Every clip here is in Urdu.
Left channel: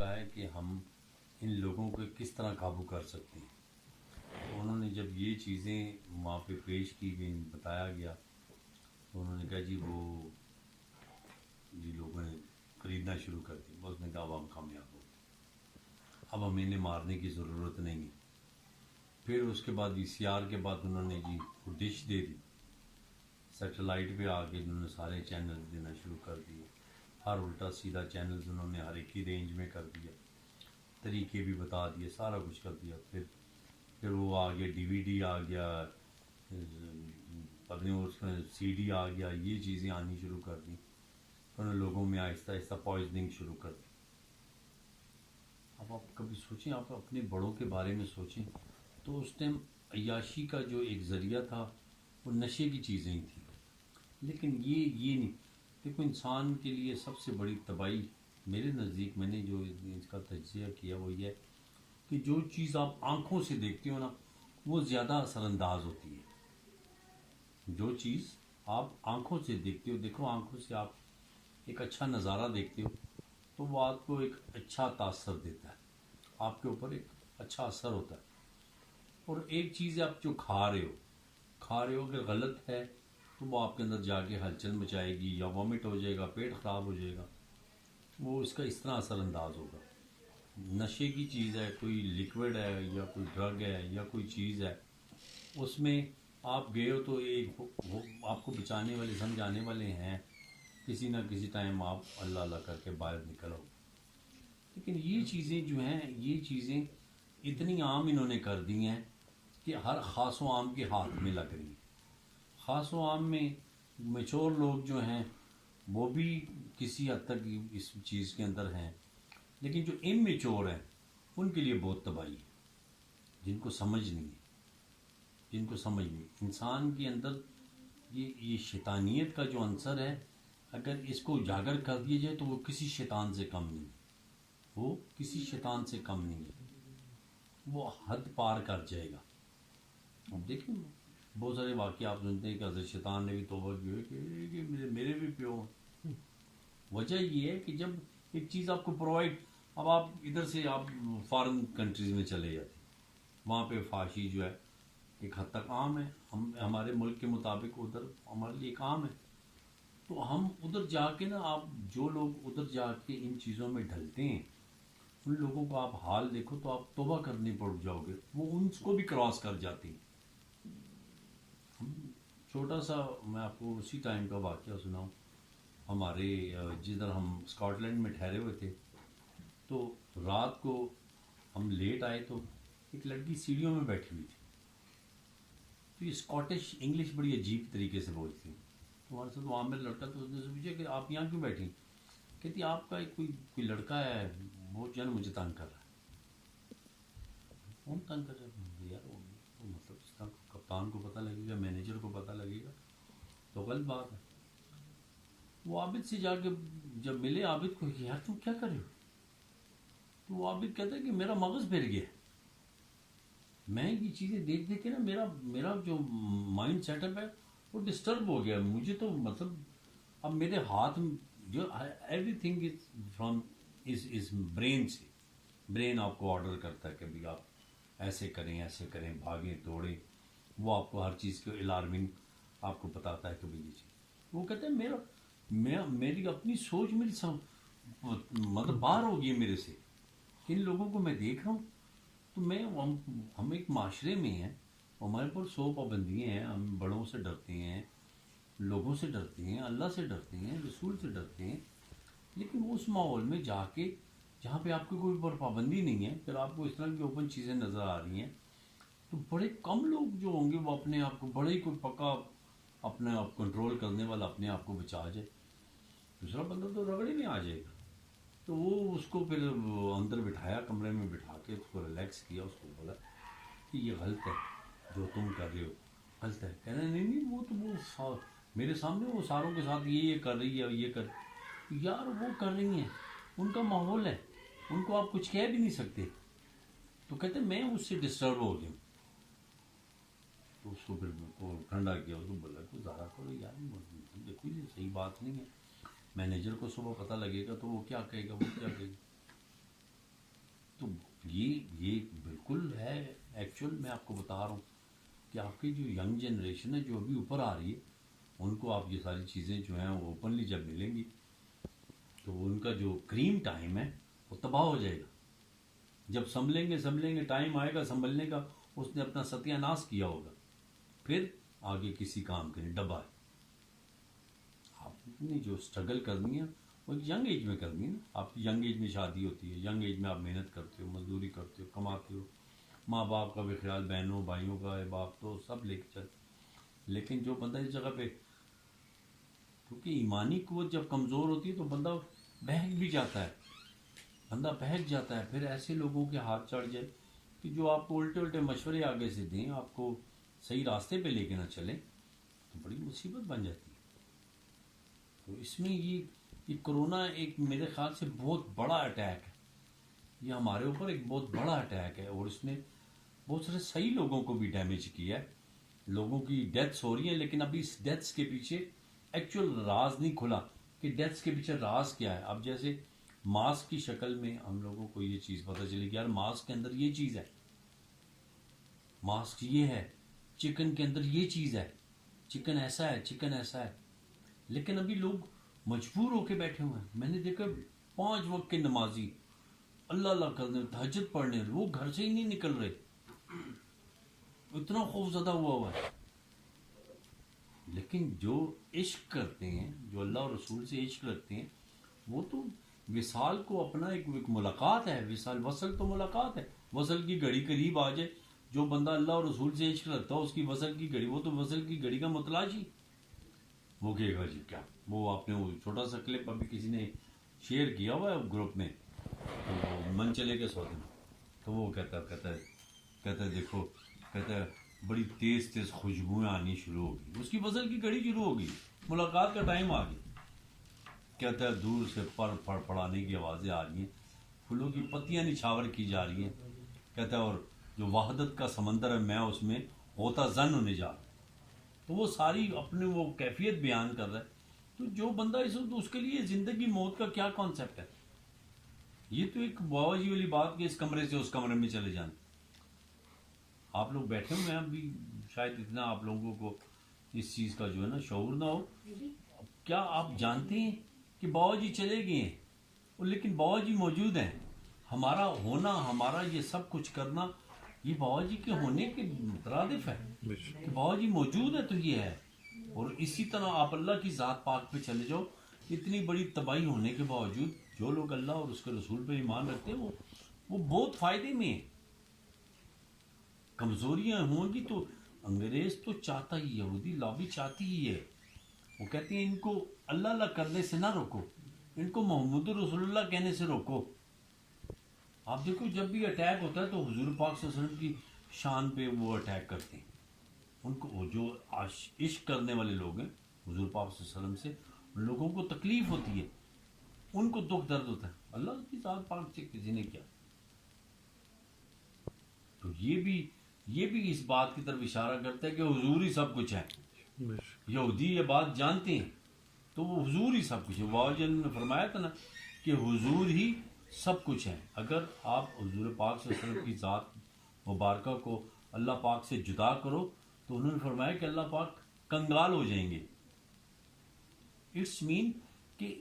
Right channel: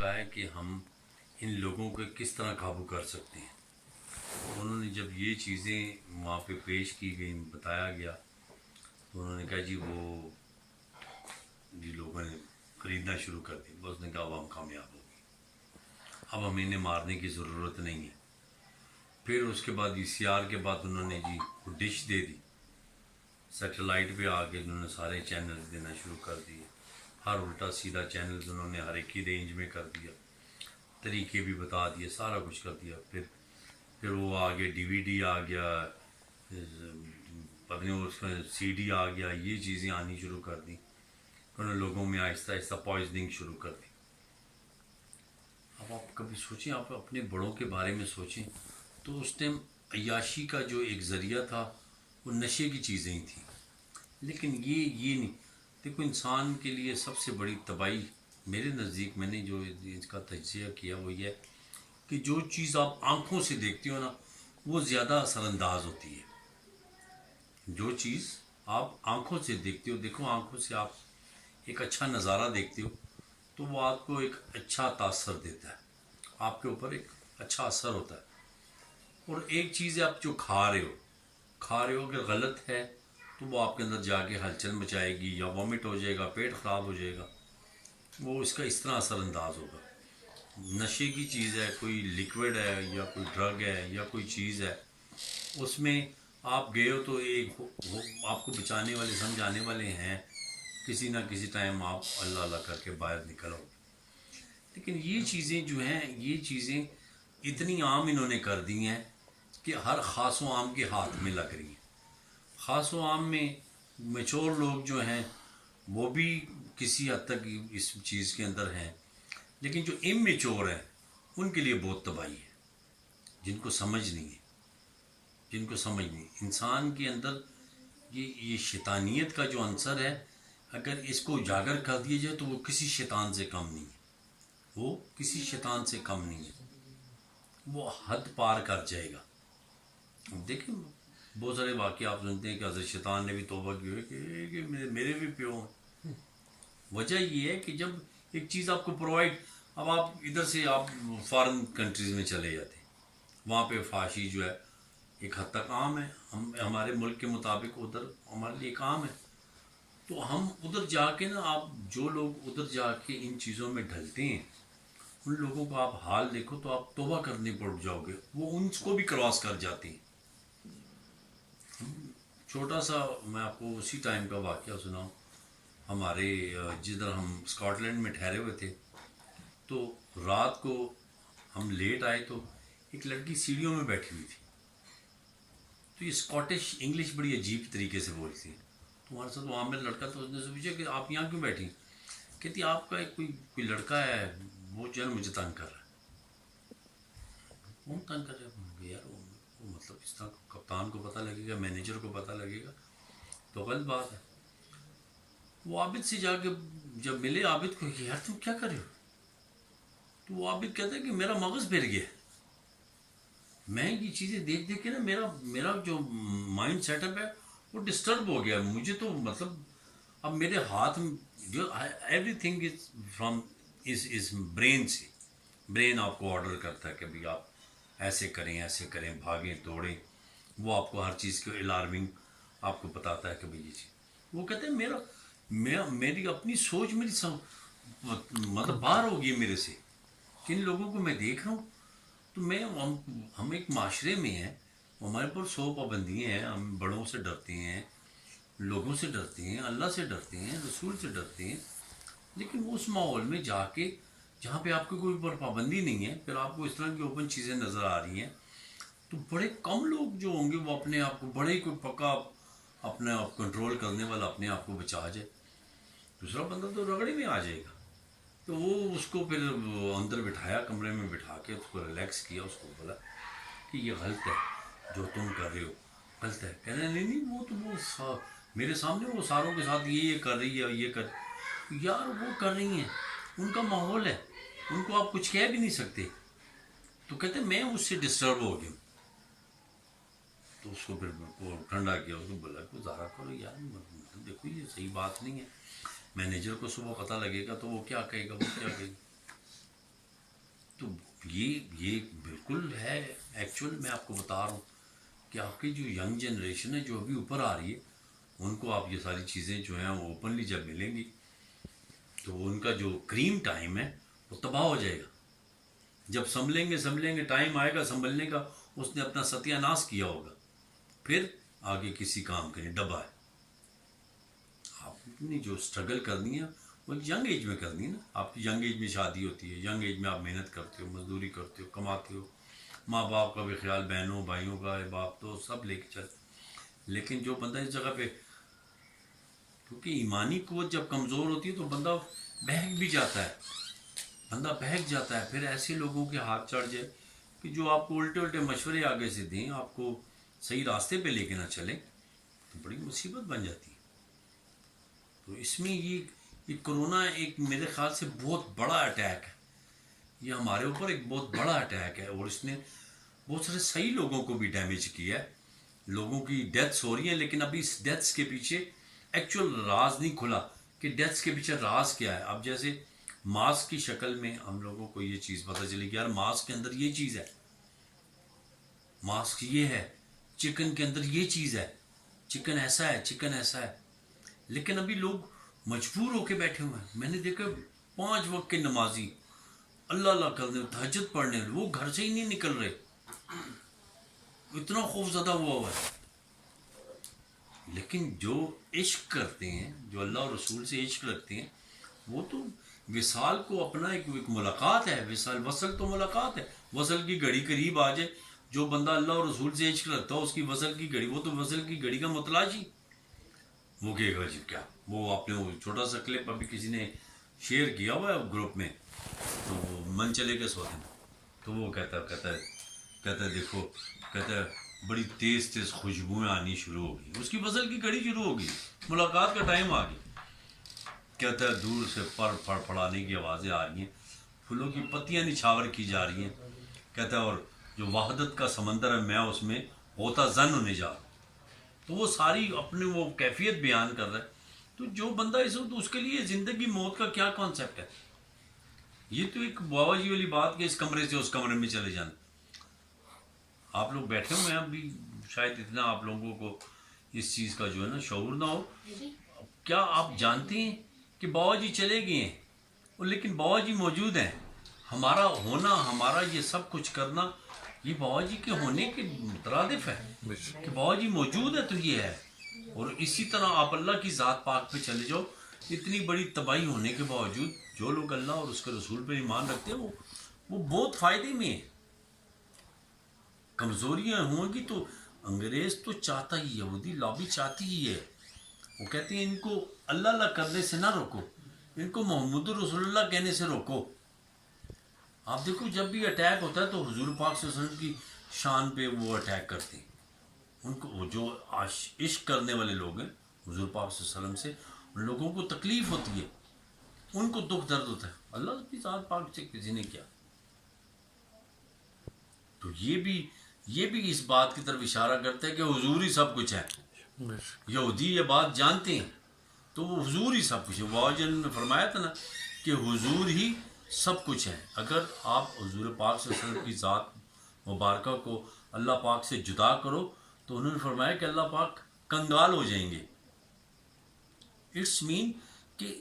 ہوتا ہے کہ ہم ان لوگوں کو کس طرح قابو کر سکتے ہیں. تو انہوں نے جب یہ چیزیں وہاں پہ پیش کی گئیں، بتایا گیا، تو انہوں نے کہا جی وہ جی لوگوں نے خریدنا شروع کر دی. بس نے کہا اب ہم کامیاب ہو گئے، اب ہمیں انہیں مارنے کی ضرورت نہیں ہے. پھر اس کے بعد ECR کے بعد انہوں نے جی ڈش دے دی، سیٹلائٹ پہ آ کے انہوں نے سارے چینلز دینا شروع کر دیے. ہر الٹا سیدھا چینلز انہوں نے ہر ایک کی رینج میں کر دیا، طریقے بھی بتا دیے، سارا کچھ کر دیا. پھر وہ آگے DVD آ گیا، پتہ نہیں اس میں CD آ گیا، یہ چیزیں آنی شروع کر دیں. انہوں نے لوگوں میں آہستہ آہستہ پوائزننگ شروع کر دی. اب آپ کبھی سوچیں، آپ اپنے بڑوں کے بارے میں سوچیں تو اس ٹائم عیاشی کا جو ایک ذریعہ تھا وہ نشے کی چیزیں ہی تھیں. لیکن یہ نہیں. دیکھو انسان کے لیے سب سے بڑی تباہی میرے نزدیک، میں نے جو اس کا تجزیہ کیا وہ یہ ہے کہ جو چیز آپ آنکھوں سے دیکھتے ہو نا وہ زیادہ اثر انداز ہوتی ہے. جو چیز آپ آنکھوں سے دیکھتے ہو، دیکھو آنکھوں سے آپ ایک اچھا نظارہ دیکھتے ہو تو وہ آپ کو ایک اچھا تاثر دیتا ہے، آپ کے اوپر ایک اچھا اثر ہوتا ہے. اور ایک چیز ہے آپ جو کھا رہے ہو اگر غلط ہے تو وہ آپ کے اندر جا کے ہلچل مچائے گی، یا وامٹ ہو جائے گا، پیٹ خراب ہو جائے گا، وہ اس کا اس طرح اثر انداز ہوگا. نشے کی چیز ہے، کوئی لیکوڈ ہے یا کوئی ڈرگ ہے یا کوئی چیز ہے، اس میں آپ گئے ہو تو ایک آپ کو بچانے والے سمجھانے والے ہیں، کسی نہ کسی ٹائم آپ اللہ اللہ کر کے باہر نکل آؤ. لیکن یہ چیزیں جو ہیں، یہ چیزیں اتنی عام انہوں نے کر دی ہیں کہ ہر خاص و عام کے ہاتھ میں لگ رہی ہیں. خاص و عام میں میچور لوگ جو ہیں وہ بھی کسی حد تک اس چیز کے اندر ہیں، لیکن جو امیچور ہیں ان کے لیے بہت تباہی ہے. جن کو سمجھ نہیں ہے، انسان کے اندر یہ شیطانیت کا جو عنصر ہے، اگر اس کو اجاگر کر دیا جائے تو وہ کسی شیطان سے کم نہیں ہے. وہ کسی شیطان سے کم نہیں ہے، وہ حد پار کر جائے گا. اب دیکھیں بہت سارے واقعے آپ سنتے ہیں کہ حضرت شیطان نے بھی توبہ کی ہوئی کہ میرے بھی پیو ہیں. وجہ یہ ہے کہ جب ایک چیز آپ کو پرووائڈ، اب آپ ادھر سے آپ فارن کنٹریز میں چلے جاتے ہیں، وہاں پہ فحاشی جو ہے ایک حد تک عام ہے، ہمارے ملک کے مطابق ادھر ہمارے لیے ایک عام ہے. تو ہم ادھر جا کے نا، آپ جو لوگ ادھر جا کے ان چیزوں میں ڈھلتے ہیں ان لوگوں کو آپ حال دیکھو تو آپ توبہ کرنے پڑ جاؤ گے، وہ ان کو بھی کراس کر جاتے ہیں. چھوٹا سا میں آپ کو اسی ٹائم کا واقعہ سناؤں. ہمارے جدھر ہم اسکاٹ لینڈ میں ٹھہرے ہوئے تھے تو رات کو ہم لیٹ آئے تو ایک لڑکی سیڑھیوں میں بیٹھی ہوئی تھی. تو یہ اسکاٹش انگلش بڑی عجیب طریقے سے بولتی ہے. تو ہمارے ساتھ وہاں میں لڑکا تو اس نے سے پوچھا کہ آپ یہاں کیوں بیٹھی؟ کہتی آپ کا ایک کوئی لڑکا ہے وہ جو ہے مجھے تنگ کر رہا ہے. کون تنگ کر رہا ہے یار؟ وہ مطلب اس طرح کپتان کو پتہ لگے گا، مینیجر کو پتہ لگے گا تو غلط بات ہے. وہ عابد سے جا کے جب ملے عابد کو کہ یار تم کیا کر رہے ہو، تو وہ عابد کہتا ہے کہ میرا مغز پھر گیا، میں یہ چیزیں دیکھ دیکھ کے نا میرا جو مائنڈ سیٹ اپ ہے وہ ڈسٹرب ہو گیا. مجھے تو مطلب اب میرے ہاتھ جو ایوری تھنگ از فرام اس برین سے. برین آپ کو آرڈر کرتا ہے کہ بھائی آپ ایسے کریں، بھاگیں دوڑیں. وہ آپ کو ہر چیز کے الارمنگ آپ کو بتاتا ہے کہ بھائی یہ چیز. وہ کہتے ہیں میری اپنی سوچ مطلب باہر ہو گئی میرے سے. کن لوگوں کو میں دیکھ رہا ہوں تو ہم ایک معاشرے میں ہیں، ہمارے پر 100 پابندیاں ہیں، ہم بڑوں سے ڈرتے ہیں، لوگوں سے ڈرتے ہیں، اللہ سے ڈرتے ہیں، رسول سے ڈرتے ہیں. لیکن اس ماحول میں جا کے جہاں پہ آپ کی کوئی پر پابندی نہیں ہے، پھر آپ کو اس طرح کی اوپن چیزیں نظر آ رہی ہیں، تو بڑے کم لوگ جو ہوں گے وہ اپنے آپ کو بڑے ہی کوئی پکا اپنے آپ کنٹرول کرنے والا اپنے آپ کو بچا جائے. دوسرا بندہ تو رگڑی میں آ جائے گا. تو وہ اس کو پھر اندر بٹھایا، کمرے میں بٹھا کے اس کو ریلیکس کیا، اس کو بولا کہ یہ غلط ہے جو تم کر رہے ہو، غلط ہے. کہنا نہیں وہ تو وہ میرے سامنے وہ ساروں کے ساتھ یہ کر رہی ہے، یہ کر. یار وہ کر رہی ہیں، ان کا ماحول ہے، ان کو آپ کچھ کہہ بھی نہیں سکتے. تو کہتے میں اس سے ڈسٹرب ہو گیا. تو اس کو پھر ٹھنڈا کیا، اس کو بولا کہ ظاہر کرو یار، دیکھو یہ صحیح بات نہیں ہے. مینیجر کو صبح پتہ لگے گا تو وہ کیا کہے گا، وہ کیا کہے گا. یہ بالکل ہے ایکچوئل. میں آپ کو بتا رہا ہوں کہ آپ کی جو ینگ جنریشن ہے جو ابھی اوپر آ رہی ہے ان کو آپ یہ ساری چیزیں جو ہیں وہ اوپنلی جب ملیں گی تو ان کا جو کریم ٹائم ہے وہ تباہ ہو جائے گا. جب سنبھلیں گے ٹائم آئے گا سنبھلنے کا, اس نے اپنا ستیہ ناش کیا ہوگا, پھر آگے کسی کام کے لیے ڈبا ہے. آپ نے جو اسٹرگل کرنی ہے وہ ینگ ایج میں کرنی ہے نا. آپ کی ینگ ایج میں شادی ہوتی ہے, ینگ ایج میں آپ محنت کرتے ہو, مزدوری کرتے ہو, کماتے ہو, ماں باپ کا بھی خیال, بہنوں بھائیوں کا, باپ تو سب لے کے چلتے. لیکن جو بندہ اس جگہ پہ, کیونکہ ایمانی قوت جب کمزور ہوتی ہے تو بندہ بہک بھی جاتا ہے, بندہ بہک جاتا ہے. پھر ایسے لوگوں کے ہاتھ چڑھ جائے کہ جو آپ کو الٹے مشورے آگے سے دیں, آپ کو صحیح راستے پہ لے کے نہ چلیں, تو بڑی مصیبت بن جاتی ہے. تو اس میں یہ کرونا ایک میرے خیال سے بہت بڑا اٹیک ہے. یہ ہمارے اوپر ایک بہت بڑا اٹیک ہے, اور اس نے بہت سارے صحیح لوگوں کو بھی ڈیمیج کیا ہے. لوگوں کی ڈیتھس ہو رہی ہیں, لیکن ابھی اس ڈیتھس کے پیچھے ایکچوئل راز نہیں کھلا کہ ڈیتھس کے پیچھے راز کیا ہے. اب جیسے ماسک کی شکل میں ہم لوگوں کو یہ چیز پتہ چلی کہ یار ماسک کے اندر یہ چیز ہے, ماسک یہ ہے, چکن کے اندر یہ چیز ہے, چکن ایسا ہے, چکن ایسا ہے. لیکن ابھی لوگ مجبور ہو کے بیٹھے ہوئے ہیں. میں نے دیکھا 5 وقت کے نمازی اللہ اللہ کرنے, تہجد پڑھنے, وہ گھر سے ہی نہیں نکل رہے, اتنا خوف زدہ ہوا ہے. لیکن جو عشق کرتے ہیں, جو اللہ اور رسول سے عشق رکھتے ہیں, وہ تو وصال کو اپنا ایک ملاقات ہے. وصل تو ملاقات ہے. وصل کی گھڑی قریب آ جائے, جو بندہ اللہ اور رسول سے عشق رکھتا ہے اس کی وصل کی گھڑی, وہ تو وصل کی گھڑی کا متلاشی. وہ کہے گا جی کیا, وہ آپ نے وہ چھوٹا سا کلپ ابھی کسی نے شیئر کیا ہوا ہے گروپ میں, تو من چلے گا 100 دن. تو وہ کہتا ہے دیکھو, کہتا ہے بڑی تیز خوشبوئیں آنی شروع ہو گئی, اس کی وصل کی گھڑی شروع ہو گئی, ملاقات کا ٹائم آ گیا. کہتا ہے دور سے پر پڑانے کی آوازیں آ رہی ہیں, پھولوں کی پتیاں نچھاور کی جا رہی ہیں. کہتا ہے اور جو وحدت کا سمندر ہے میں اس میں غوطہ زن ہونے جا رہا ہوں. تو وہ ساری اپنے وہ کیفیت بیان کر رہا ہے. تو جو بندہ اس وقت, اس کے لیے زندگی موت کا کیا کانسیپٹ ہے. یہ تو ایک بابا جی والی بات کہ اس کمرے سے اس کمرے میں چلے جانا. آپ لوگ بیٹھے ہوئے ہیں ابھی, شاید اتنا آپ لوگوں کو اس چیز کا جو ہے نا شعور نہ ہو. کیا آپ جانتے ہیں کہ بابا جی چلے گئے ہیں, لیکن بابا جی موجود ہیں. ہمارا ہونا, ہمارا یہ سب کچھ کرنا, یہ بابا جی کے ہونے کے مترادف ہے کہ بابا جی موجود ہے تو یہ ہے. اور اسی طرح آپ اللہ کی ذات پاک پہ چلے جاؤ. اتنی بڑی تباہی ہونے کے باوجود جو لوگ اللہ اور اس کے رسول پہ ایمان رکھتے ہیں وہ بہت فائدے میں ہیں. کمزوریاں ہوں گی تو انگریز تو چاہتا ہی, یہودی لابی چاہتی ہی ہے. وہ کہتے ہیں ان کو اللہ اللہ کرنے سے نہ روکو, ان کو محمد رسول اللہ کہنے سے روکو. آپ دیکھو جب بھی اٹیک ہوتا ہے تو حضور پاک صلی اللہ علیہ وسلم کی شان پہ وہ اٹیک کرتے ہیں. ان کو جو عشق کرنے والے لوگ ہیں حضور پاک صلی اللہ علیہ وسلم سے, ان لوگوں کو تکلیف ہوتی ہے, ان کو دکھ درد ہوتا ہے. اللہ کی ذات پاک سے کسی نے کیا. تو یہ بھی اس بات کی طرف اشارہ کرتا ہے کہ حضور ہی سب کچھ ہے. یہودی یہ بات جانتے ہیں تو وہ حضور ہی سب کچھ ہے. بابا جی نے فرمایا تھا نا کہ حضور ہی سب کچھ ہے. اگر آپ حضور پاک صلی اللہ علیہ وسلم کی ذات مبارکہ کو اللہ پاک سے جدا کرو تو انہوں نے فرمایا کہ اللہ پاک کنگال ہو جائیں گے. اٹس مین کہ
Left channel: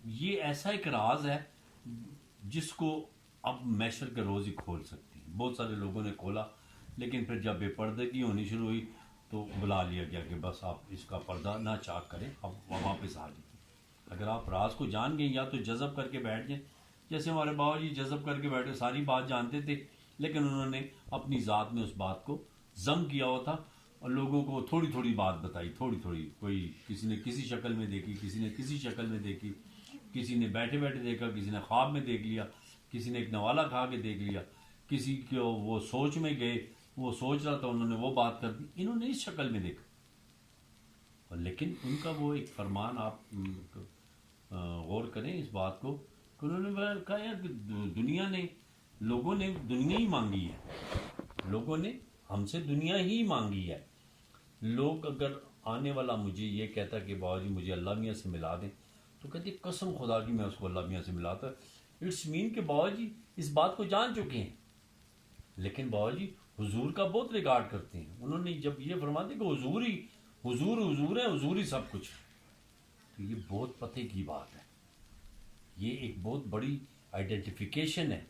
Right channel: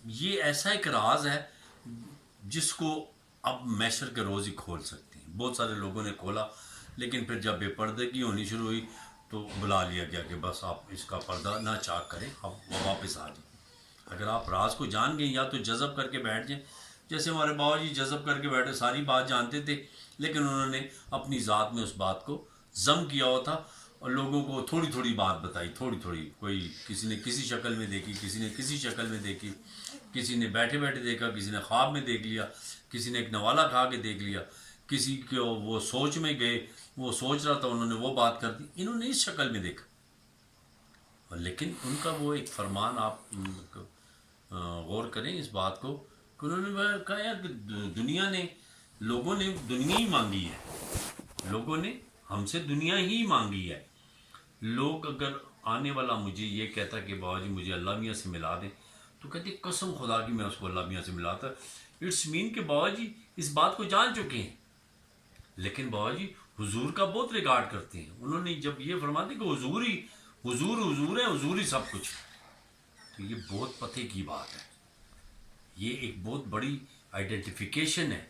یہ ایسا ایک راز ہے جس کو اب میشر کے روز ہی کھول سکتے ہیں. بہت سارے لوگوں نے کھولا, لیکن پھر جب بے پردگی ہونی شروع ہوئی تو بلا لیا گیا کہ بس آپ اس کا پردہ نہ چاک کریں, اب واپس آ جائیں. اگر آپ راز کو جان گئے یا تو جذب کر کے بیٹھ جائیں, جیسے ہمارے بابا جی جذب کر کے بیٹھے, ساری بات جانتے تھے لیکن انہوں نے اپنی ذات میں اس بات کو ضم کیا ہوا تھا اور لوگوں کو تھوڑی تھوڑی بات بتائی, تھوڑی تھوڑی. کوئی کسی نے کسی شکل میں دیکھی, کسی نے کسی شکل میں دیکھی, کسی نے بیٹھے بیٹھے دیکھا, کسی نے خواب میں دیکھ لیا, کسی نے ایک نوالا کھا کے دیکھ لیا, کسی کو وہ سوچ میں گئے, وہ سوچ رہا تھا, انہوں نے وہ بات کر دی, انہوں نے اس شکل میں دیکھا. لیکن ان کا وہ ایک فرمان, آپ غور کریں اس بات کو, کہ انہوں نے کہا یار کہ دنیا نے, لوگوں نے دنیا ہی مانگی ہے, لوگوں نے ہم سے دنیا ہی مانگی ہے. لوگ اگر آنے والا مجھے یہ کہتا کہ بابا جی مجھے اللہ میاں سے ملا دیں, تو کہتے قسم خدا کی میں اس کو اللہ میاں سے ملاتا. اٹس مین کہ بابا جی اس بات کو جان چکے ہیں لیکن بابا جی حضور کا بہت ریکارڈ کرتے ہیں. انہوں نے جب یہ فرماتے کہ حضور ہے، حضور ہی سب کچھ. تو یہ بہت پتے کی بات ہے. یہ ایک بہت بڑی آئیڈینٹیفیکیشن ہے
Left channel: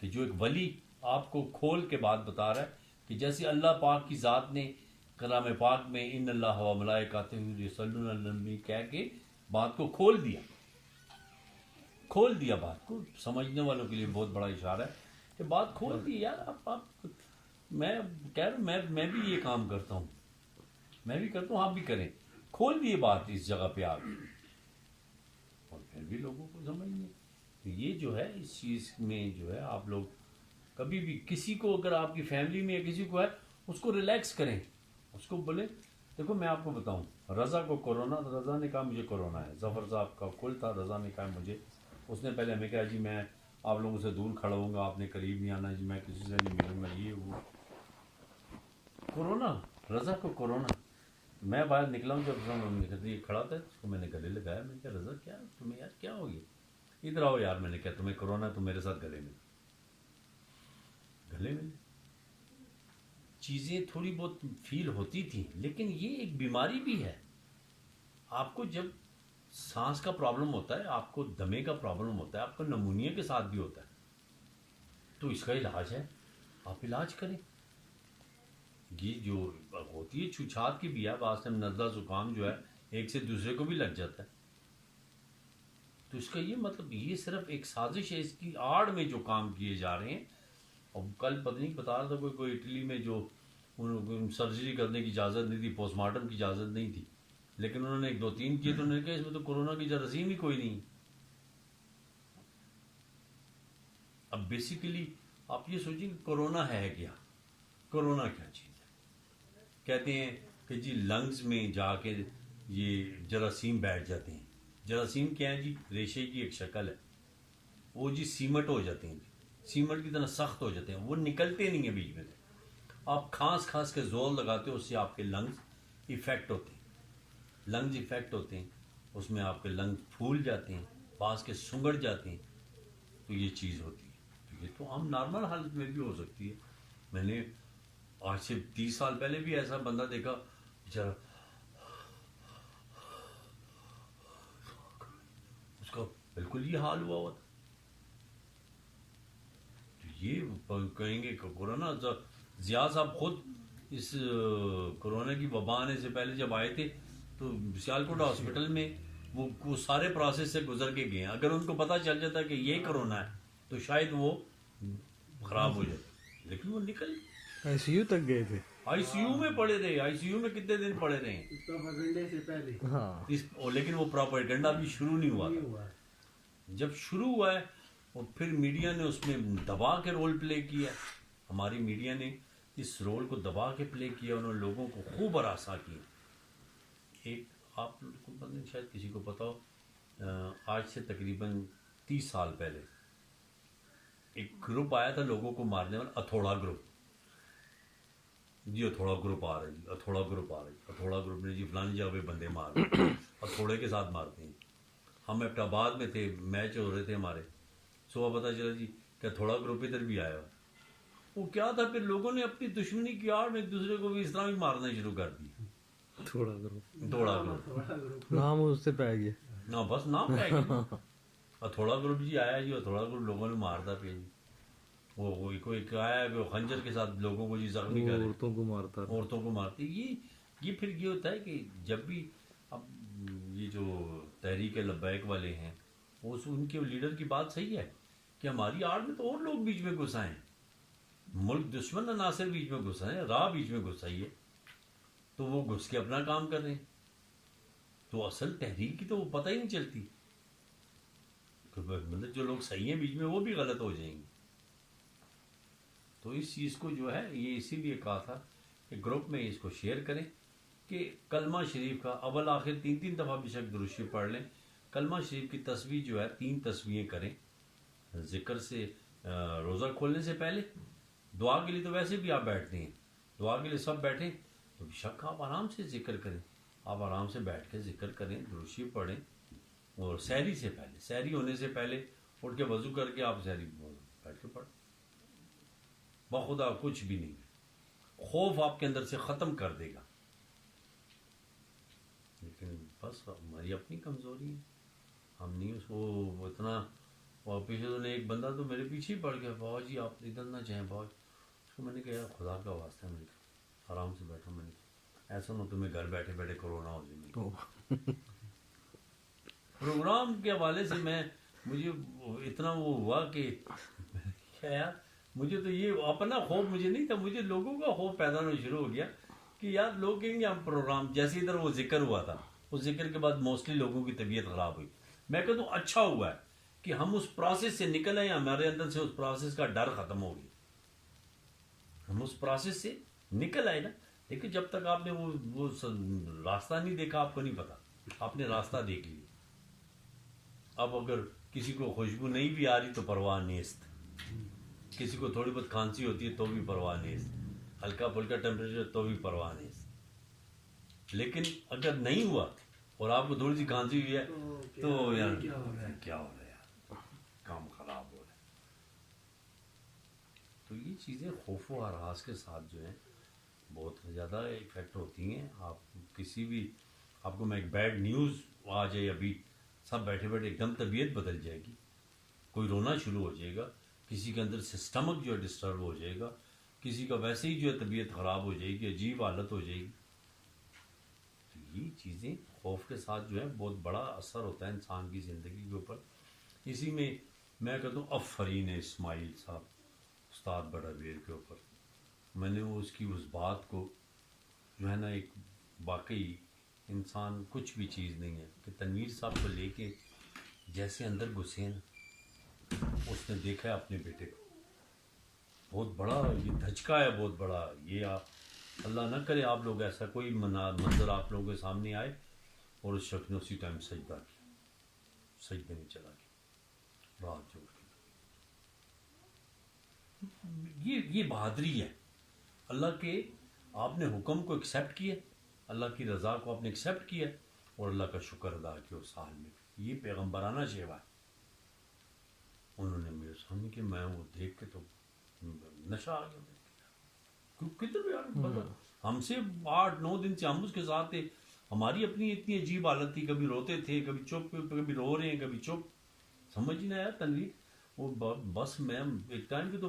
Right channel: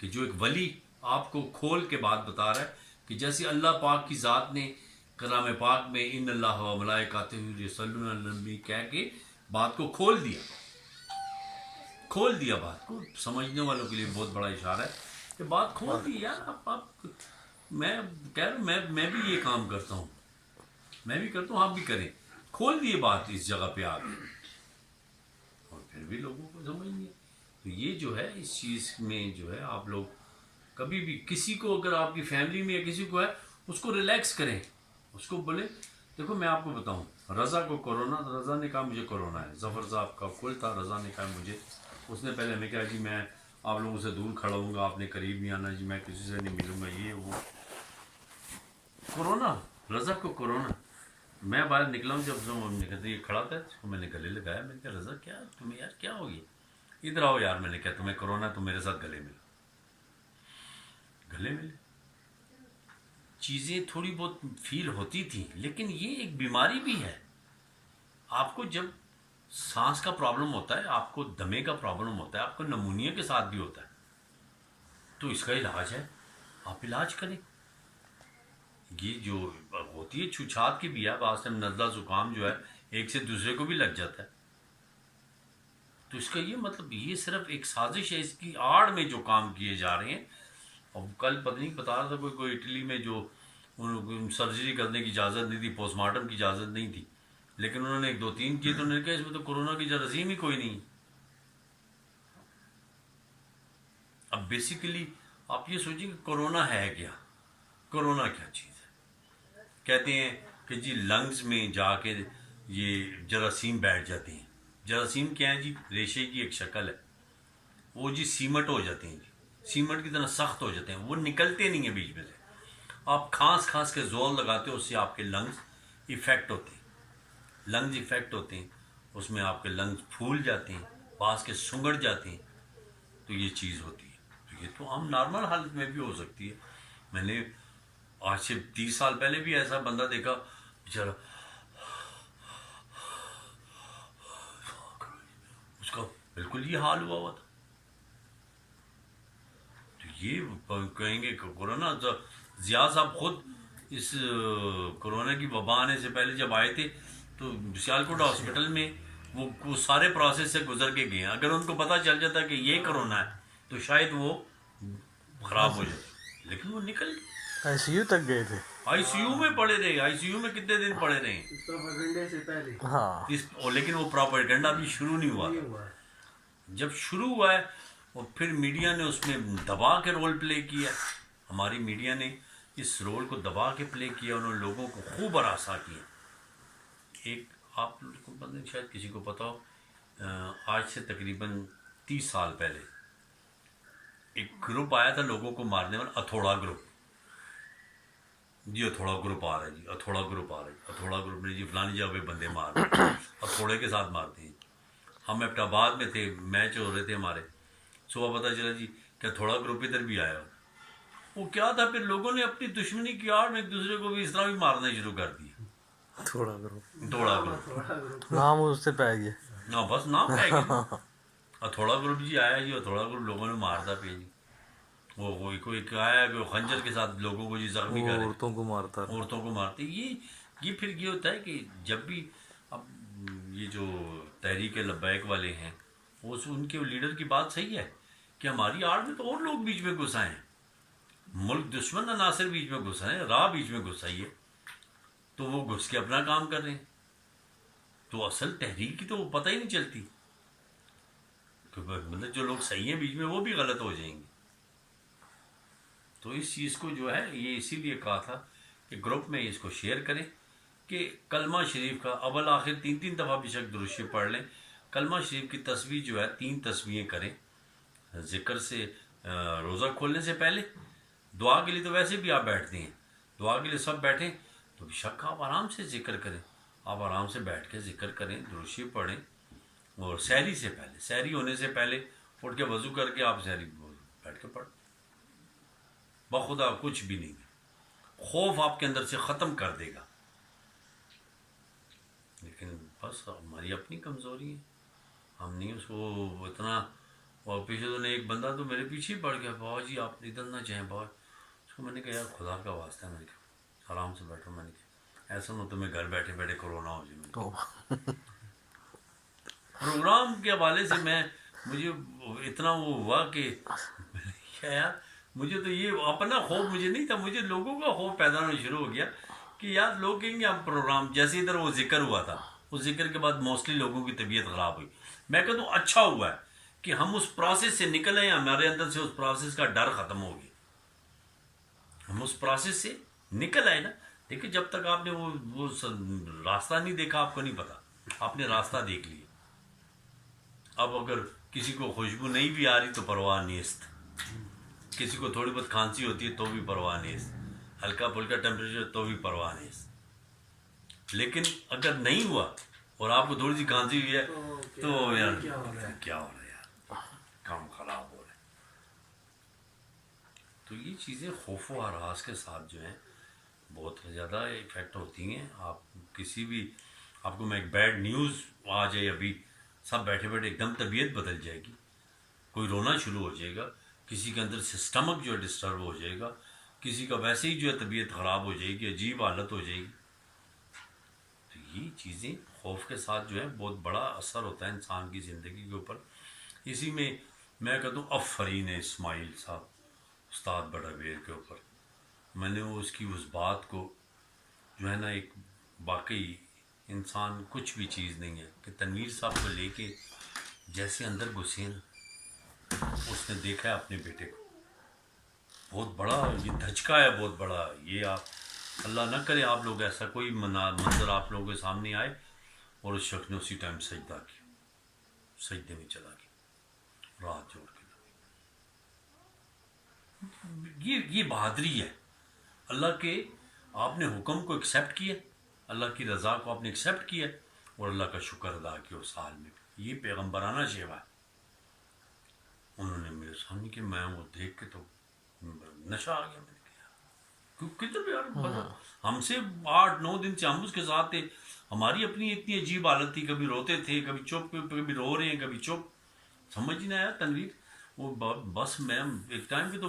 کہ جو ایک ولی آپ کو کھول کے بات بتا رہا ہے کہ جیسے اللہ پاک کی ذات نے کلام پاک میں ان اللہ و ملائکاتہ یصلون علی النبی کہہ کے بات کو کھول دیا. بات کو سمجھنے والوں کے لیے بہت بڑا اشارہ ہے کہ بات کھول دی یار. آپ میں کہہ رہا ہوں میں بھی یہ کام کرتا ہوں، آپ بھی کریں. کھول دیے بات اس جگہ پہ آ گئی اور پھر بھی لوگوں کو سمجھ نہیں ہے. تو یہ جو ہے اس چیز میں جو ہے آپ لوگ کبھی بھی کسی کو اگر آپ کی فیملی میں یا کسی کو ہے اس کو ریلیکس کریں، اس کو بولیں دیکھو میں آپ کو بتاؤں رضا کو کورونا، رضا نے کہا مجھے کورونا ہے. ظفر صاحب کا کل تھا، رضا نے کہا مجھے، اس نے پہلے ہمیں کہا جی میں آپ لوگوں سے دور کھڑا ہوں گا، آپ نے قریب نہیں آنا جی، میں کسی سے نہیں ملوں گا، یہ وہ. کورونا، رضا کو کورونا. میں باہر نکلا ہوں جب یہ کھڑا تھا اس کو میں نے گلے لگایا. میں نے کہا رضا کیا تمہیں یار کیا ہو گیا؟ ادھر آؤ یار. میں نے کہا تمہیں کورونا ہے تو میرے ساتھ گلے ملے. چیزیں تھوڑی بہت فیل ہوتی تھیں لیکن یہ ایک بیماری بھی ہے. آپ کو جب سانس کا پرابلم ہوتا ہے، آپ کو دمے کا پرابلم ہوتا ہے، آپ کو نمونیا کے ساتھ بھی ہوتا ہے، تو اس کا علاج ہے، آپ علاج کریں. یہ جو ہوتی ہے چھوچھات کی بھی ہے، بعض ٹائم نزلہ زکام جو ہے ایک سے دوسرے کو بھی لگ جاتا ہے. تو اس کا یہ مطلب یہ صرف ایک سازش ہے، اس کی آڑ میں جو کام کیے جا رہے ہیں. اور کل پتہ نہیں بتا رہا تھا کوئی اٹلی میں جو سرجری کرنے کی اجازت نہیں تھی، پوسٹ مارٹم کی اجازت نہیں تھی، لیکن انہوں نے 1 2 3 کیے تو انہوں نے کہا اس میں تو کورونا کی جراثیم ہی کوئی نہیں. اب بیسیکلی آپ یہ سوچیں کہ کورونا ہے کیا؟ کورونا کیا چیز ہے؟ کہتے ہیں کہ جی لنگز میں جا کے یہ جراثیم بیٹھ جاتے ہیں. جراثیم کیا ہے جی؟ ریشے کی ایک شکل ہے، وہ جی سیمٹ ہو جاتے ہیں، جی سیمٹ کی طرح سخت ہو جاتے ہیں، وہ نکلتے نہیں ہیں بیچ میں سے. آپ کھانس کے زور لگاتے ہو، اس سے آپ کے لنگز ایفیکٹ ہوتے ہیں، اس میں آپ کے لنگز پھول جاتے ہیں، بعض کے سنگڑ جاتے ہیں. تو یہ چیز ہوتی ہے. تو یہ تو عام نارمل حالت میں بھی ہو سکتی ہے. میں نے آج سے 30 سال پہلے بھی ایسا بندہ دیکھا بیچارہ، اس کا بالکل یہ حال ہوا تھا. تو یہ کہیں گے کہ کورونا، ضیاء صاحب خود اس کورونا کی وبا آنے سے پہلے جب آئے تھے تو سیالکوٹ ہاسپٹل میں وہ سارے پروسیس سے گزر کے گئے ہیں. اگر ان کو پتہ چل جاتا کہ یہ کورونا ہے تو شاید وہ خراب ہو جاتے، لیکن وہ نکل آئی سی یو تک گئے تھے. آئی سی یو میں پڑے رہے. آئی سی یو میں کتنے دن پڑے رہے؟ ہاں لیکن وہ پراپیگنڈا بھی شروع نہیں ہوا تھا. جب شروع ہوا ہے اور پھر میڈیا نے اس میں دبا کے رول پلے کیا. ہماری میڈیا نے اس رول کو دبا کے پلے کیا، انہوں نے لوگوں کو خوب ہراساں کیا. ایک آپ کو پتہ نہیں شاید کسی کو پتہ ہو، آج سے تقریباً 30 سال پہلے ایک گروپ آیا تھا لوگوں کو مارنے والا، اتھوڑا گروپ. جی اتھوڑا گروپ آ رہا ہے، جی اتھوڑا گروپ آ رہا ہے، اتھوڑا گروپ نے جی فلانی جگہ پہ بندے مار رہے ہیں، اتھوڑے کے ساتھ مارتے ہیں. ہم ایبٹ آباد میں تھے، میچ ہو رہے تھے ہمارے، صبح پتہ چلا جی کہ تھوڑا گروپ ادھر بھی آیا. وہ کیا تھا، پھر لوگوں نے اپنی دشمنی کی آڑ میں ایک دوسرے کو بھی اس طرح بھی مارنا شروع کر دیا. تھوڑا گروپ تھوڑا گروپ نام اس سے پہ گیا. ہاں بس نام پہ گیا. تھوڑا گروپ جی آیا جی، اور تھوڑا گروپ لوگوں نے مارتا پہ جی. وہ کوئی آیا کہ وہ خنجر کے ساتھ لوگوں کو جی زخمی کرے، عورتوں کو مارتے. یہ پھر یہ ہوتا ہے کہ جب بھی اب یہ جو تحریک لبیک والے ہیں وہ ان کے لیڈر کی بات صحیح ہے کہ ہماری آڑ میں تو اور لوگ بیچ میں گھس آئے ہیں، ملک دشمن عناصر بیچ میں گھس آئے ہیں، راہ بیچ میں گھس آئی ہے، تو وہ گھس کے اپنا کام کر رہے ہیں. تو اصل تحریک کی تو وہ پتہ ہی نہیں چلتی. تو مطلب جو لوگ صحیح ہیں بیچ میں وہ بھی غلط ہو جائیں گے. تو اس چیز کو جو ہے یہ اسی لیے کہا تھا کہ گروپ میں اس کو شیئر کریں کہ کلمہ شریف کا اول آخر 3 دفعہ بے شک درود شریف پڑھ لیں. کلمہ شریف کی تسبیح جو ہے 3 تسبیحیں کریں ذکر سے. روزہ کھولنے سے پہلے دعا کے لیے تو ویسے بھی آپ بیٹھتے ہیں، دعا کے لیے سب بیٹھیں تو بے شک آپ آرام سے ذکر کریں. آپ آرام سے بیٹھ کے ذکر کریں، درود شریف پڑھیں. اور سحری سے پہلے، سحری ہونے سے پہلے اٹھ کے وضو کر کے آپ سحری بیٹھ کے پڑھیں. بخدا کچھ بھی نہیں ہے، خوف آپ کے اندر سے ختم کر دے گا. لیکن بس ہماری اپنی کمزوری ہے، ہم نہیں اس کو اتنا. اور پیچھے تو ایک بندہ تو میرے پیچھے ہی پڑ گیا، بابا جی آپ ادھر نہ جائیں بابا. اس کو میں نے کہا یار خدا کا واسطہ ہے، میں نے کہا آرام سے بیٹھو. میں نے کہا ایسا نہ تمہیں گھر بیٹھے بیٹھے کرونا ہو جائے. میں نے کہا پروگرام کے حوالے سے مجھے اتنا وہ ہوا کہ میں نے کہا یار مجھے تو یہ اپنا خوف مجھے نہیں تھا، مجھے لوگوں کا خوف پیدا ہونا شروع ہو گیا کہ یار لوگ کہیں گے ہم پروگرام جیسے ادھر وہ ذکر ہوا تھا، اس ذکر کے بعد موسٹلی لوگوں کی طبیعت خراب ہوئی. میں کہتا ہوں اچھا ہوا ہے کہ ہم اس پروسیس سے نکل آئے، ہمارے اندر سے اس پروسیس کا ڈر ختم ہو گیا، ہم اس پروسیس سے نکل آئے نا. دیکھیں جب تک آپ نے وہ راستہ نہیں دیکھا آپ کو نہیں پتا، آپ نے راستہ دیکھ لیا. اب اگر کسی کو خوشبو نہیں بھی آ رہی تو پرواہ نیست، کسی کو تھوڑی بہت کھانسی ہوتی ہے تو بھی پرواہ نیست، ہلکا پھلکا ٹیمپریچر تو بھی پرواہ نیست. لیکن اگر نہیں ہوا اور آپ کو تھوڑی سی کھانسی ہوئی ہے تو یار کیا ہو رہا ہے یار، کام خراب ہو رہا ہے. تو یہ چیزیں خوف و ہراس کے ساتھ جو ہیں بہت زیادہ افیکٹ ہوتی ہیں. آپ کسی بھی آپ کو میں ایک بیڈ نیوز آ جائے ابھی سب بیٹھے بیٹھے ایک دم طبیعت بدل جائے گی، کوئی رونا شروع ہو جائے گا، کسی کے اندر سے اسٹمک جو ہے ڈسٹرب ہو جائے گا، کسی کا ویسے ہی جو ہے طبیعت خراب ہو جائے گی، عجیب حالت ہو جائے گی. تو یہ چیزیں خوف کے ساتھ جو ہے بہت بڑا اثر ہوتا ہے انسان کی زندگی کے اوپر. اسی میں میں کہتا ہوں آفرین اسماعیل صاحب استاد بڑا ویر کے اوپر میں نے وہ اس کی اس بات کو جو ہے نا ایک واقعی انسان کچھ بھی چیز نہیں ہے کہ تنویر صاحب کو لے کے جیسے اندر گھسے نا، اس نے دیکھا ہے اپنے بیٹے کو، بہت بڑا یہ دھچکا ہے بہت بڑا. یہ آپ اللہ نہ کرے آپ لوگ ایسا کوئی منظر آپ لوگوں کے سامنے آئے اور اس شخص نے اسی ٹائم سجدہ کیا، سجدے میں چلا گیا رات جوڑ کے. یہ بہادری ہے اللہ کے، آپ نے حکم کو ایکسیپٹ کیا، اللہ کی رضا کو آپ نے ایکسیپٹ کیا اور اللہ کا شکر ادا کیا اس حال میں. یہ پیغمبرانہ شیوا ہے. انہوں نے میرے سامنے کہ میں وہ دیکھ کے تو نشہ آ گیا. میں نے کہا کتنے پیار بتا، ہم سے 8-9 دن سے ہم اس کے ساتھ تھے، ہماری اپنی اتنی عجیب حالت تھی، کبھی روتے تھے کبھی چپ، کبھی رو رہے ہیں کبھی چپ. سمجھ نہیں آیا تنویر. وہ بس میں ایک ٹائم پہ تو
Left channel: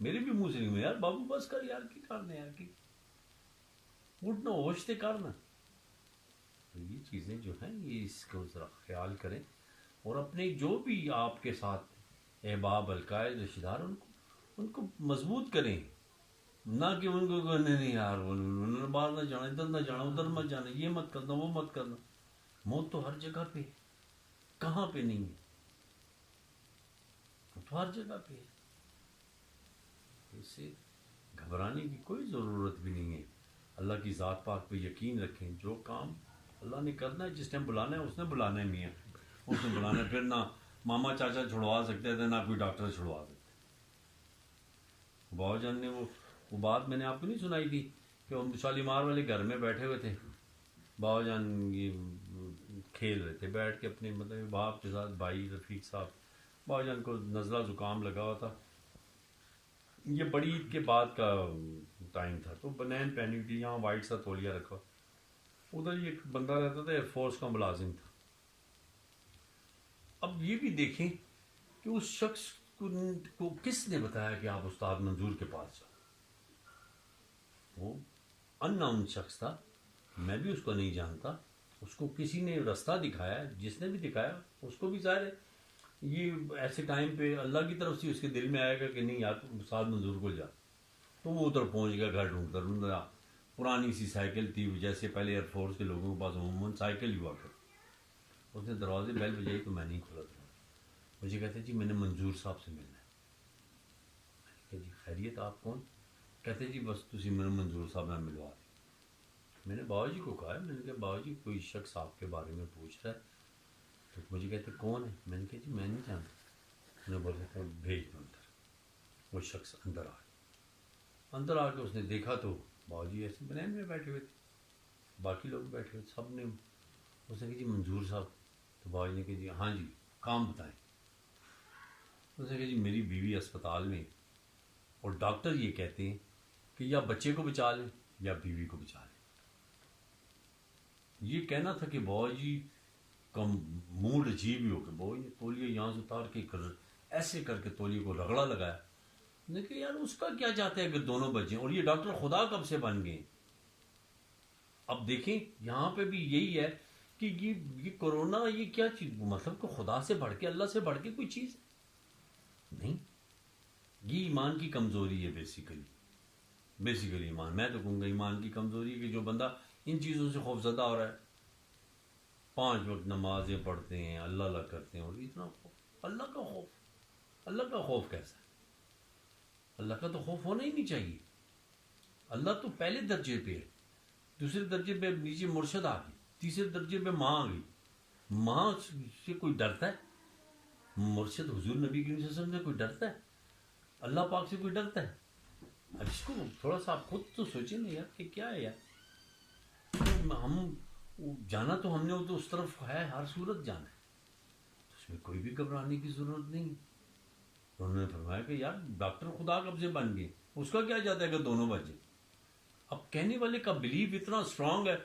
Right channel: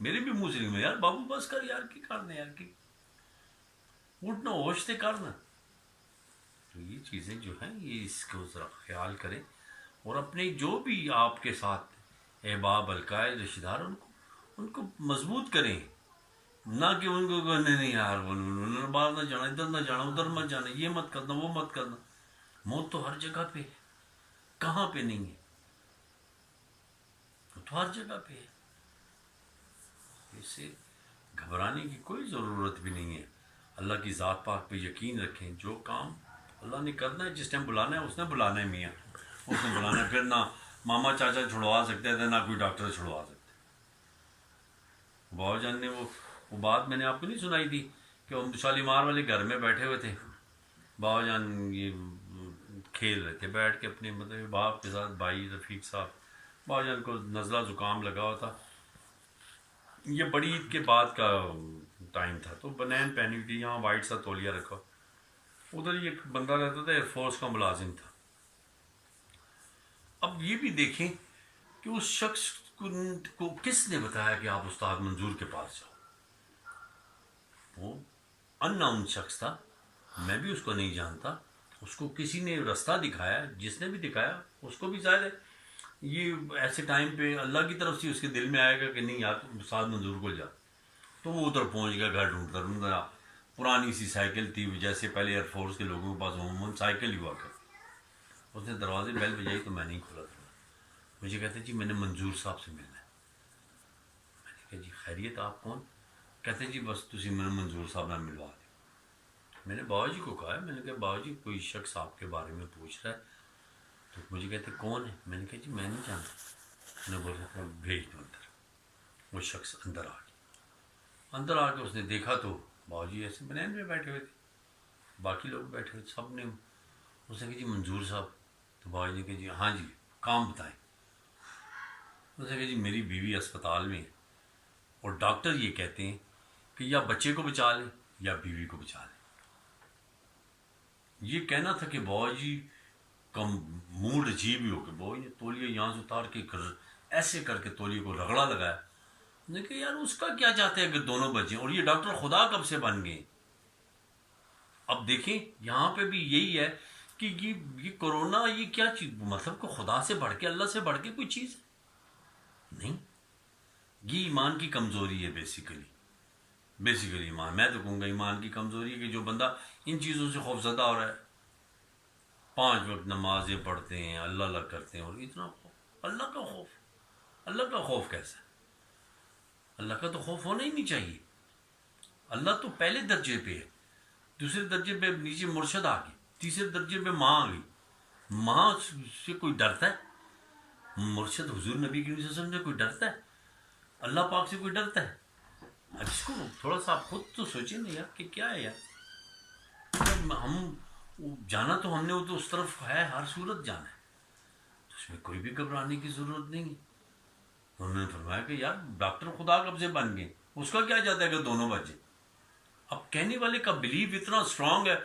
میرے بھی منہ سے نہیں یار بابو بس کر یار کی کرنا یار کی اٹھنا ہوش سے کرنا. تو یہ چیزیں جو ہیں یہ اس کو ذرا خیال کریں اور اپنے جو بھی آپ کے ساتھ احباب القائد رشتہ دار ان کو مضبوط کریں، نہ کہ ان کو نہیں یار باہر نہ جانا، ادھر نہ جانا، ادھر مت جانا، یہ مت کرنا وہ مت کرنا. موت تو ہر جگہ پہ، کہاں پہ نہیں ہے، تو ہر جگہ پہ ہے. اس سے گھبرانے کی کوئی ضرورت بھی نہیں ہے. اللہ کی ذات پاک پہ یقین رکھیں، جو کام اللہ نے کرنا ہے جس ٹائم بلانا ہے اس نے بلانا ہے. میاں اس نے بلانا ہے، پھر نہ ماما چاچا چھڑوا سکتے تھے نہ کوئی ڈاکٹر چھڑوا سکتے. بابا جان نے وہ بات میں نے آپ کو نہیں سنائی تھی کہ وہ شالیمار والے گھر میں بیٹھے ہوئے تھے، بابا جان یہ کھیل رہے تھے بیٹھ کے اپنے مطلب باپ کے ساتھ، بھائی رفیق صاحب. بابا جان کو نزلہ زکام لگا ہوا تھا، یہ بڑی عید کے بعد کا ٹائم تھا، تو بنین پہنی ہوئی تھی، یہاں وائٹ سا تولیہ رکھا. ادھر ہی ایک بندہ رہتا تھا، ایئر فورس کا ملازم تھا. اب یہ بھی دیکھیں کہ اس شخص کو کس نے بتایا کہ آپ استاد منظور کے پاس جاؤ. وہ ان نون شخص تھا، میں بھی اس کو نہیں جانتا، اس کو کسی نے رستہ دکھایا، جس نے بھی دکھایا اس کو بھی ظاہر ہے یہ ایسے ٹائم پہ اللہ کی طرف سے اس کے دل میں آئے گا کہ نہیں یار استاد منظور کو جا. تو وہ ادھر پہنچ گیا، گھر ڈھونڈتا پرانی سی سائیکل تھی جیسے پہلے ایئر فورس کے لوگوں کے پاس عموماً سائیکل ہی ہوا کرتی. اس نے دروازے بیل بجائی تو میں نہیں کھولا تھا. مجھے کہتے جی میں نے منظور صاحب سے ملنا ہے. میں نے کہا جی خیریت آپ کون؟ کہتے جی بس تسی میں منظور صاحب نے ملوا دیں. میں نے بابا جی کو کہا ہے، میں نے کہا بابا جی کوئی شخص آپ کے بارے میں پوچھ رہا ہے. تو مجھے کہتے کون ہے؟ میں نے کہا جی میں نہیں جانتا. انہوں نے بولا بھیج دو اندر. وہ شخص اندر آ گیا. اندر آ کے اس نے دیکھا تو بابا جی ایسے بنین میں بیٹھے ہوئے تھے، باقی لوگ بیٹھے ہوئے سب نے. اس نے کہا جی منظور صاحب. تو بابا جی نے کہا جی ہاں جی کام بتائیں. اس نے کہا جی میری بیوی اسپتال میں ہے اور ڈاکٹر یہ کہتے ہیں کہ یا بچے کو بچا لیں یا بیوی کو بچا لیں. یہ کہنا تھا کہ بابا جی کا موڈ عجیب ہی ہو کہ بابا جی تولیے یہاں سے اتار کے ایسے کر کے تولیے کو رگڑا لگایا. نے کہ یار اس کا کیا چاہتے ہیں کہ دونوں بچیں, اور یہ ڈاکٹر خدا کب سے بن گئے. اب دیکھیں یہاں پہ بھی یہی ہے کہ یہ کرونا یہ کیا چیز, مطلب کہ خدا سے بڑھ کے, اللہ سے بڑھ کے کوئی چیز ہے نہیں. یہ ایمان کی کمزوری ہے بیسیکلی ایمان, میں تو کہوں گا ایمان کی کمزوری ہے کہ جو بندہ ان چیزوں سے خوف زدہ ہو رہا ہے, 5 وقت نمازیں پڑھتے ہیں, اللہ اللہ کرتے ہیں, اور اتنا خوف, اللہ کا خوف کیسا ہے؟ اللہ کا تو خوف ہونا ہی نہیں چاہیے. اللہ تو پہلے درجے پہ ہے, دوسرے درجے پہ نیچے مرشد آ گئی, تیسرے درجے پہ ماں آ گئی. ماں سے کوئی ڈرتا ہے؟ مرشد حضور نبی کریم صلی اللہ علیہ وسلم سے کوئی ڈرتا ہے؟ اللہ پاک سے کوئی ڈرتا ہے؟ اب اس کو تھوڑا سا آپ خود تو سوچیں نا یار کہ کیا ہے یار. ہم جانا تو ہم نے وہ تو اس طرف ہے, ہر صورت جانا ہے, تو اس میں کوئی بھی گھبرانے کی ضرورت نہیں ہے. انہوں نے فرمایا کہ یار ڈاکٹر خدا کب سے بن گئے, اس کا کیا جاتا ہے کہ دونوں بچے. اب کہنے والے کا بلیف اتنا اسٹرانگ ہے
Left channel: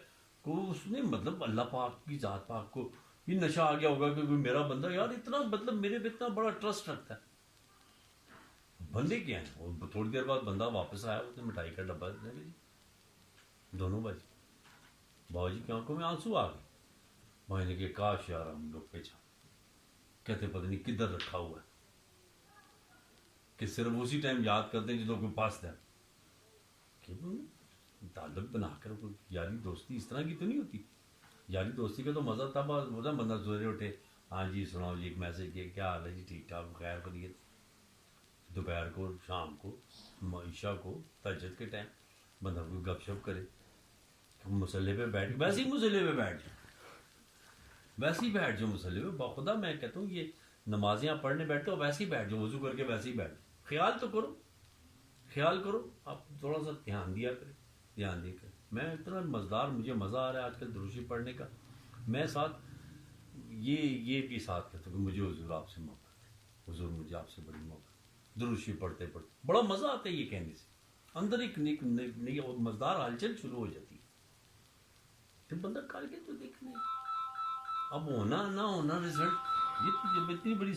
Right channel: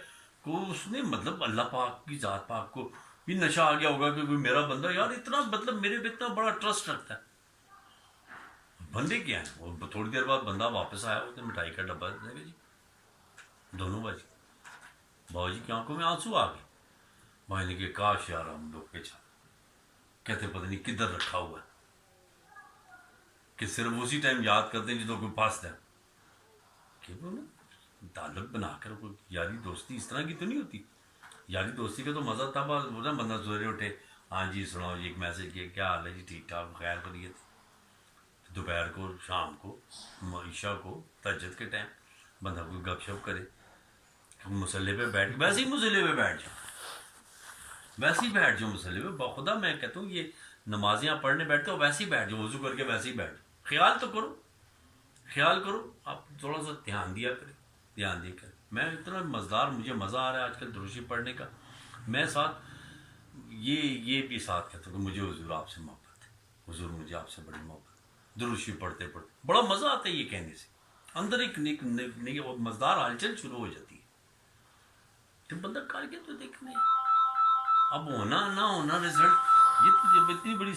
کہ اس نے مطلب اللہ پاک کی ذات پاک کو بھی نشہ آ گیا ہوگا کہ کوئی میرا بندہ یار اتنا مطلب میرے پہ اتنا بڑا ٹرسٹ رکھتا ہے. بندے کیا ہیں, اور تھوڑی دیر بعد بندہ واپس آیا, اس نے مٹھائی کا ڈبہ دے گا جی, دونوں بچے. بابا جی کی آنکھوں میں آنسو آ گئے. بھائی نے کہ کاش یار ہم لوگ پیچھا کہتے پتہ نہیں کدھر رکھا ہوا ہے, کہ صرف اسی ٹائم یاد کرتے ہیں جدوں کوئی پاس ہے. کہ تعلق بنا کر کوئی یاری دوستی اس طرح کی تو نہیں ہوتی. یاری دوستی کا تو مزہ تب ہوتا ہے بندہ سویرے اٹھے, ہاں جی سناؤ جی ایک میسج کیا, کیا حال ہے جی, ٹھیک ٹھاک خیر خیریت. دوپہر کو, شام کو, عشاء کو, تہجد کے ٹائم بندہ کوئی گپ شپ کرے. مسلح پہ بیٹھ, ویسے ہی مسلح پہ بیٹھ جاؤ, ویسے ہی بیٹھ جاؤ مسلح پہ. باخدا میں کہتا ہوں یہ نمازیں آپ پڑھنے بیٹھتے ہو ویسے ہی بیٹھ جاؤ, وضو کر کے ویسے ہی بیٹھ جاؤ. خیال تو کرو, خیال کرو, آپ تھوڑا سا دھیان دیا کریں, دھیان دیا کریں. میں اتنا مزدار, مجھے مزہ آ رہا ہے آج کل دروشی پڑھنے کا. میں ساتھ یہ بھی ساتھ کہتا ہوں کہ مجھے حضور آپ سے محبت ہے, حضور مجھے آپ سے بڑی محبت ہے. دروشی پڑھتے پڑھتے بڑا مزہ آتا ہے یہ کہنے سے, اندر ایک نئی مزدار ہلچل شروع ہو جاتی ہے. تو بندہ کر کے تو دیکھنے, اب ہونا نہ ہونا رزلٹ, یہ تو اتنی بڑی